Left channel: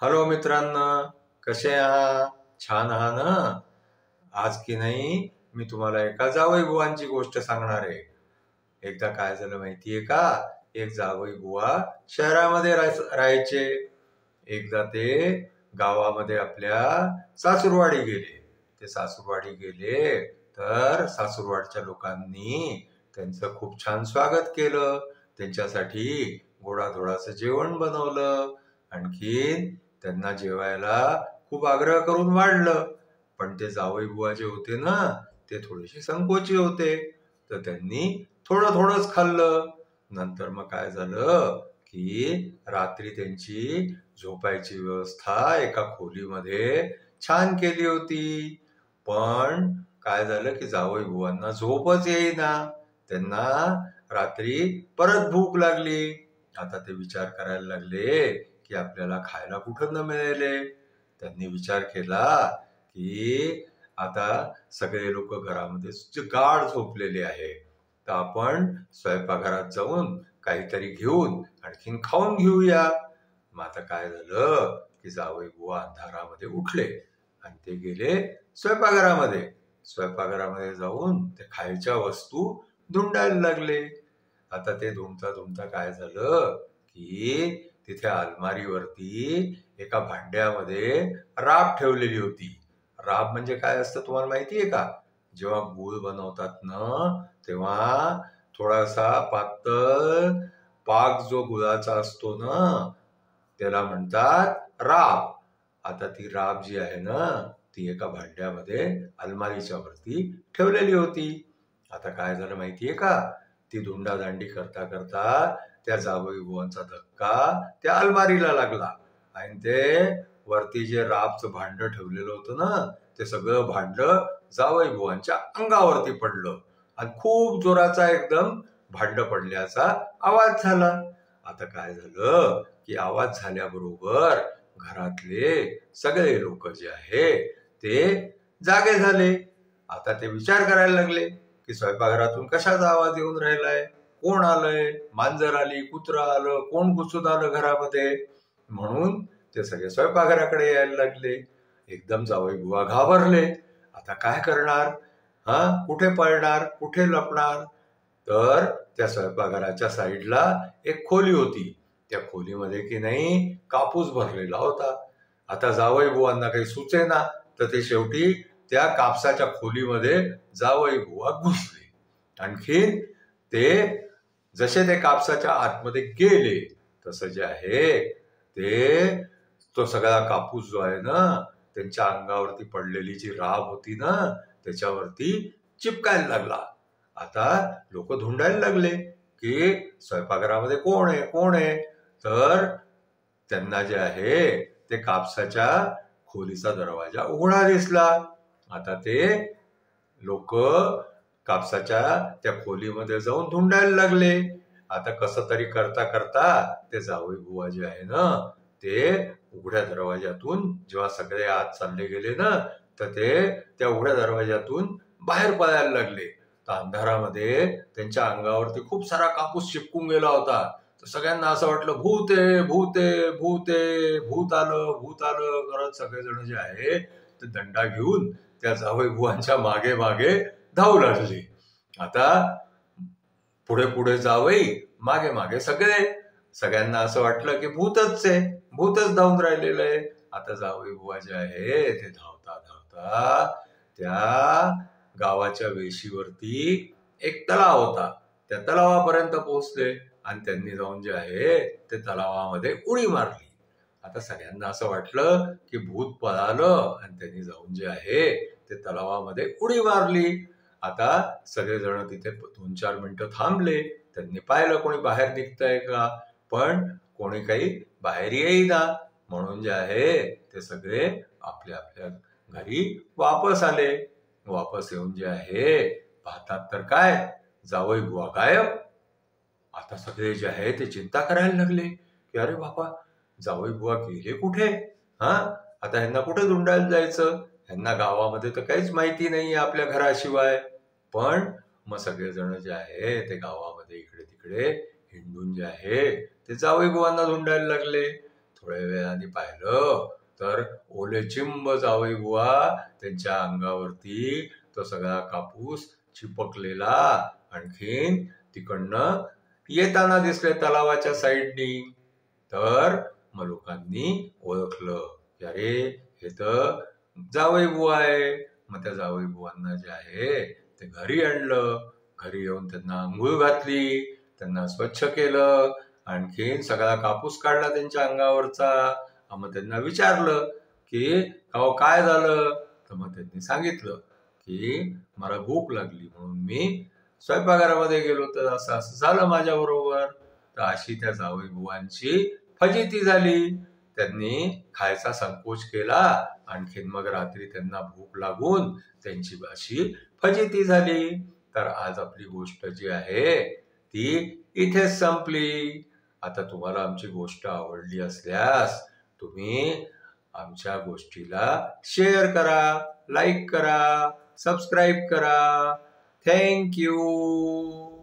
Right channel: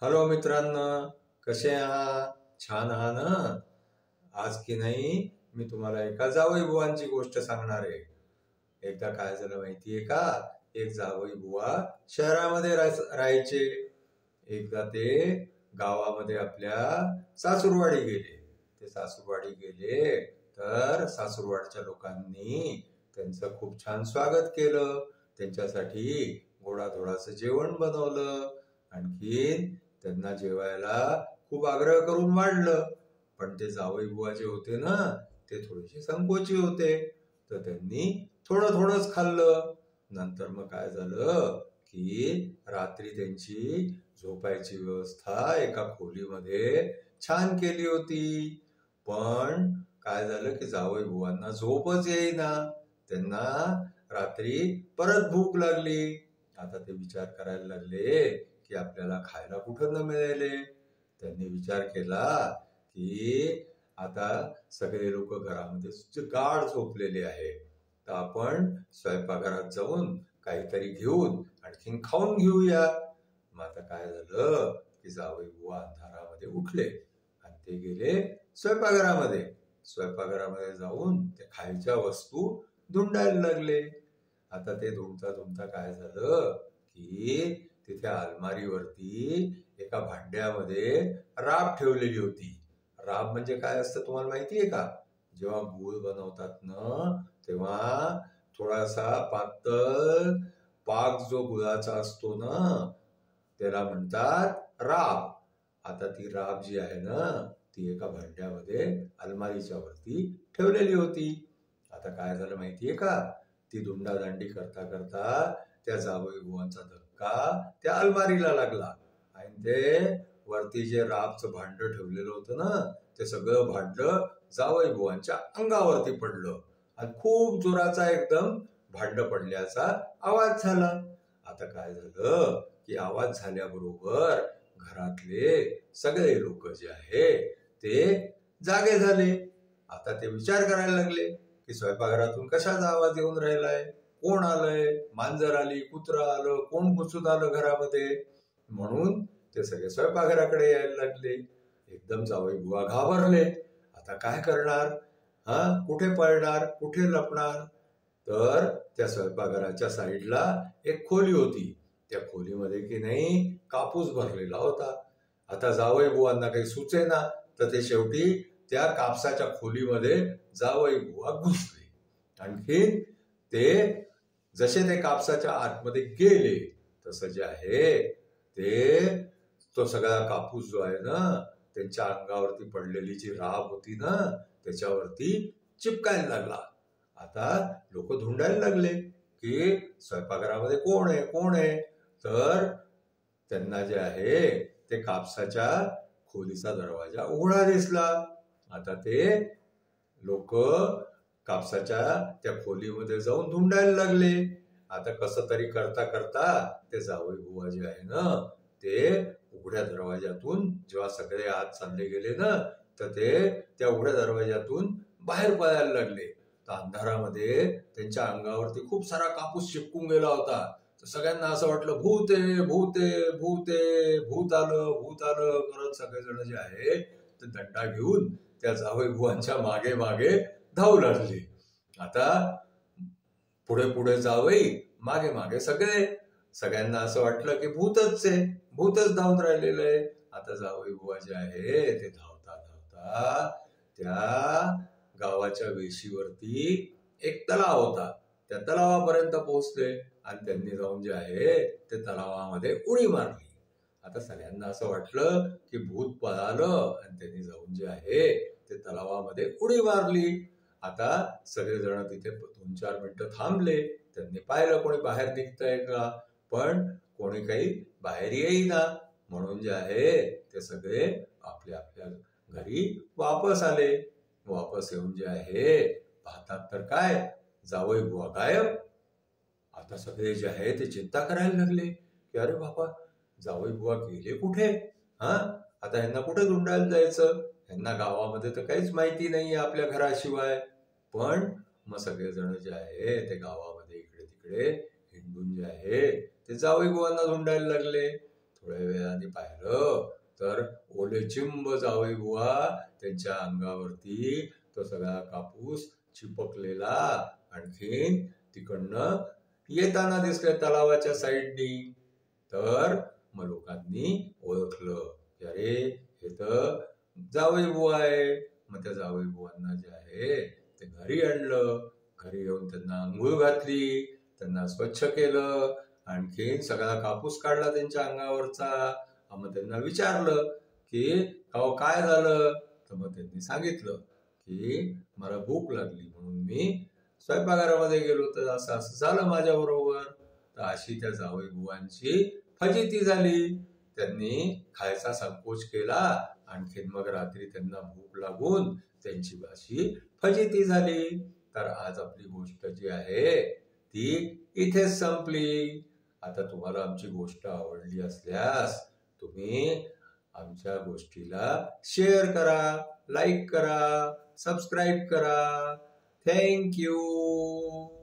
Hello मित्रांनो, कसे आहात? छान आहात ना? आज की नाही मी तुम्हाला एका जावई बुवांची गोष्ट सांगणार आहे. एकदा काय झालं माहितीये का? एक जावई बुवा शहरामध्ये राहायचे. एकदा ते गावामध्ये आपल्या सासूरवाडी गेले. ते सासूरवाडी गेले तर सासूरवाडच्या लोकांनी त्यांचं खूप छान स्वागत केलं. त्यांच्यासाठी गोडाधोडाचं जेवण बनवलं. आणखी त्यांना जेवायला खूप आग्रह करून वाढलं. पण ते जावई बुवा जे होते ना, ते थोडेसे संकोची होते. तर त्यांनी थोडं थोडंच खाल्लं. नंतर मग काय झालं की रात्री त्यांची झोपायची व्यवस्था एका खोलीमध्ये छान केली होती. पण काय झालं की जावई बुवांना झोपच येईना. त्यांना रात्री परत भूक लागली. आता ते विचार करायला लागले की आपल्याला खायला कुठं न मिळेल. त्यांनी विचार केला की आता सगळे लोक घरामध्ये गाढ झोपलेले आहे, तर आपण स्वयंपाकघरात जाऊन काहीतरी घेऊन आणखीन खाऊन घेऊया. मग आता काय झालं की जावई बुवा अंधारामध्ये उठले आणि ते गेले स्वयंपाकघरामध्ये. स्वयंपाकघरामध्ये जाऊन ते खायच्या वस्तू धुंडायला लागले. आता ते धुमता धुमता काय झालं की तिथे अलमारीवरती एका भांड्यामध्ये राब ठेवलेली होती. राब म्हणजे काय असतं तुम्हाला माहितीये का? जेव्हा गूळ बनवतात ना, तेव्हा थोडासा पातळ पाक जो गुळाचा असतो ना, त्याला म्हणतात राब. आता ती राब जी आहे ना, ती एका भांड्यामध्ये अलमारीच्या वरती ठेवलेली होती. आता काय झालं माहितीये का? ती धुंडादांडी करता करता त्या जावई बुवांचा धक्का त्या अलमारीला लागला आणि ते वरती जे राबचं भांड ठेवलेलं होतं ना, ते सगळं भांड जावई बुवांच्या अंगावरती पडलं आणि खूप जोराचा एकदम भांड पडल्याचा आवाज झाला. आता काय झालं की आवाज झाल्याबरोबर घरातले सगळे लोक जे आहे ते जागे झाले. आता ते विचार करायला लागले की स्वयंपाकघरातून कशाचा आवाज येऊन राहिलाय, कोण आलंय, मांजर आली, कुत्रा आलं, कोण घुसून आलं घरामध्ये. म्हणून ते सगळे स्वयंपाकघराकडे यायला लागले. एकदम जावई बुवा घाबरले. आता काय करणार? कुठे पळणार, कुठे लपणार? तर त्या स्वयंपाकघराच्या साईडला एक खोली होती. त्या खोलीमध्ये की नाही कापूस भरलेला होता. आता जावई बुवांना काही सुचेना, तर ते शेवटी त्या कापसाच्या खोलीमध्ये जावई बुवा घुसले. आणखीन ते जसे ते कापसाच्या आतमध्ये गेले तसं जे आहे ते तो सगळा कापूस जो आहे ना, त्यांच्या अंगावरती पडलेली जी राब होती ना, त्याच्यावरती चिपकायला लागला. आता लोक धुंडायला लागले की स्वयंपाकघरामध्ये कोण आहे, कोण आहे? तर त्यांना जे आहे ते कापसाच्या खोलीचा दरवाजा उघडा दिसला. आता ते लोक कापसाच्या त्या खोलीमध्ये जाऊन धुंडायला लागले. आता कसं तरी करता करता ते जावई बुवा जे आहे ना, ते उघड्या दरवाजातून जेव्हा सगळे आत चालले गेले ना, तर ते त्या उघड्या दरवाजातून बाहेर पळायला लागले. तर अंधारामध्ये त्यांच्या अंगावरती खूप सारा कापूस चिपकून गेला होता. तर सगळ्यांना असं वाटलं भूत आहे, भूत आहे, भूत आहे, भूत आलं, भूत आलं करत सगळेजण जे आहे ते दंडा घेऊन त्या जावई बुवांच्या मागे मागे धावू लागले. आता पुढे पुढे जावई, मागे मागे सगळे. सगळ्यांना असं वाटलं की भूतच आहे, भूतच धावून राहिलेलं आहे. आता जावई बुवा जे आहे ते धावता धावता त्या गावाच्या वेशीवरती एक तलाव होता. त्या तलावापर्यंत पोहोचले आणि त्यांनी जाऊन जे आहे ते तलावामध्ये उडी मारली. आता सगळ्यांना असं वाटलं की भूत पळालं आणि त्यांनी जाऊन जे आहे ते तलावामध्ये उडी मारली. आता सगळेजण तिथे 2-4 मिनिटं थांबले. त्यांनी पाहिलं कोणी बाहेर निघतंय का, पण कोणी काही बाहेर येईना. म्हणून जे आहे ते सगळे आपल्या आपल्या घरी वापस आले. वापस येऊन जे आहे पाहतात तर काय, जावई बुवा गायब. आता सगळे जे आहे ते चिंता करायला लागले की अरे बाबा, जावई बुवा गेले कुठे? आता ह्यांना कुठे धुंडायला जायचं? ह्यांना गावामध्ये तर काहीच माहिती नाही आपल्या घराशिवाय. पण मग सगळेजण जे आहे ते गावामध्ये इकडे तिकडे हिंडून जे आहे ते जावई बुवांना धुंडायला लागले. थोड्या वेळाने पाहिलं तर ओलेचिंब जावई बुवा त्यांच्या अंगावरती तो सगळा कापूस चिपकलेला आणखीन तिकडनं येताना दिसले तलावाच्या साईडनी. तर मग लोकांनी ओळखलं की अरे हे तर जावई बुवा आहे. मग त्या जावई बुवांना जे आहे ते घरी आणलं. घरी येऊन त्यांना आंघोळ घातली, त्यांना स्वच्छ केलं, आणखीन सगळा कापूस काढला त्यांच्या अंगावरचा. मग त्यांना विचारलं की अहो काय झालं. तर मग त्यांनी सांगितलं की मला भूक लागली म्हणून मी स्वयंपाकघरामध्ये गेलो तर असं असं झालं माझ्या बरोबर. तर अशी त्या जावई बुवांची फजिती झाली. त्यांनी खायचा संकोच केला. आणखीन मग रात्री त्यांना भूक लागून त्यांची अशी फजिती झाली. तर आज आपली गोष्ट जी आहे ती इथेच संपली. आता तुम्हाला आमची गोष्ट आवडली असल्यास तुम्ही आमच्या गोष्टीला शेअर करा, लाईक करा, सबस्क्राईब करा. Thank you.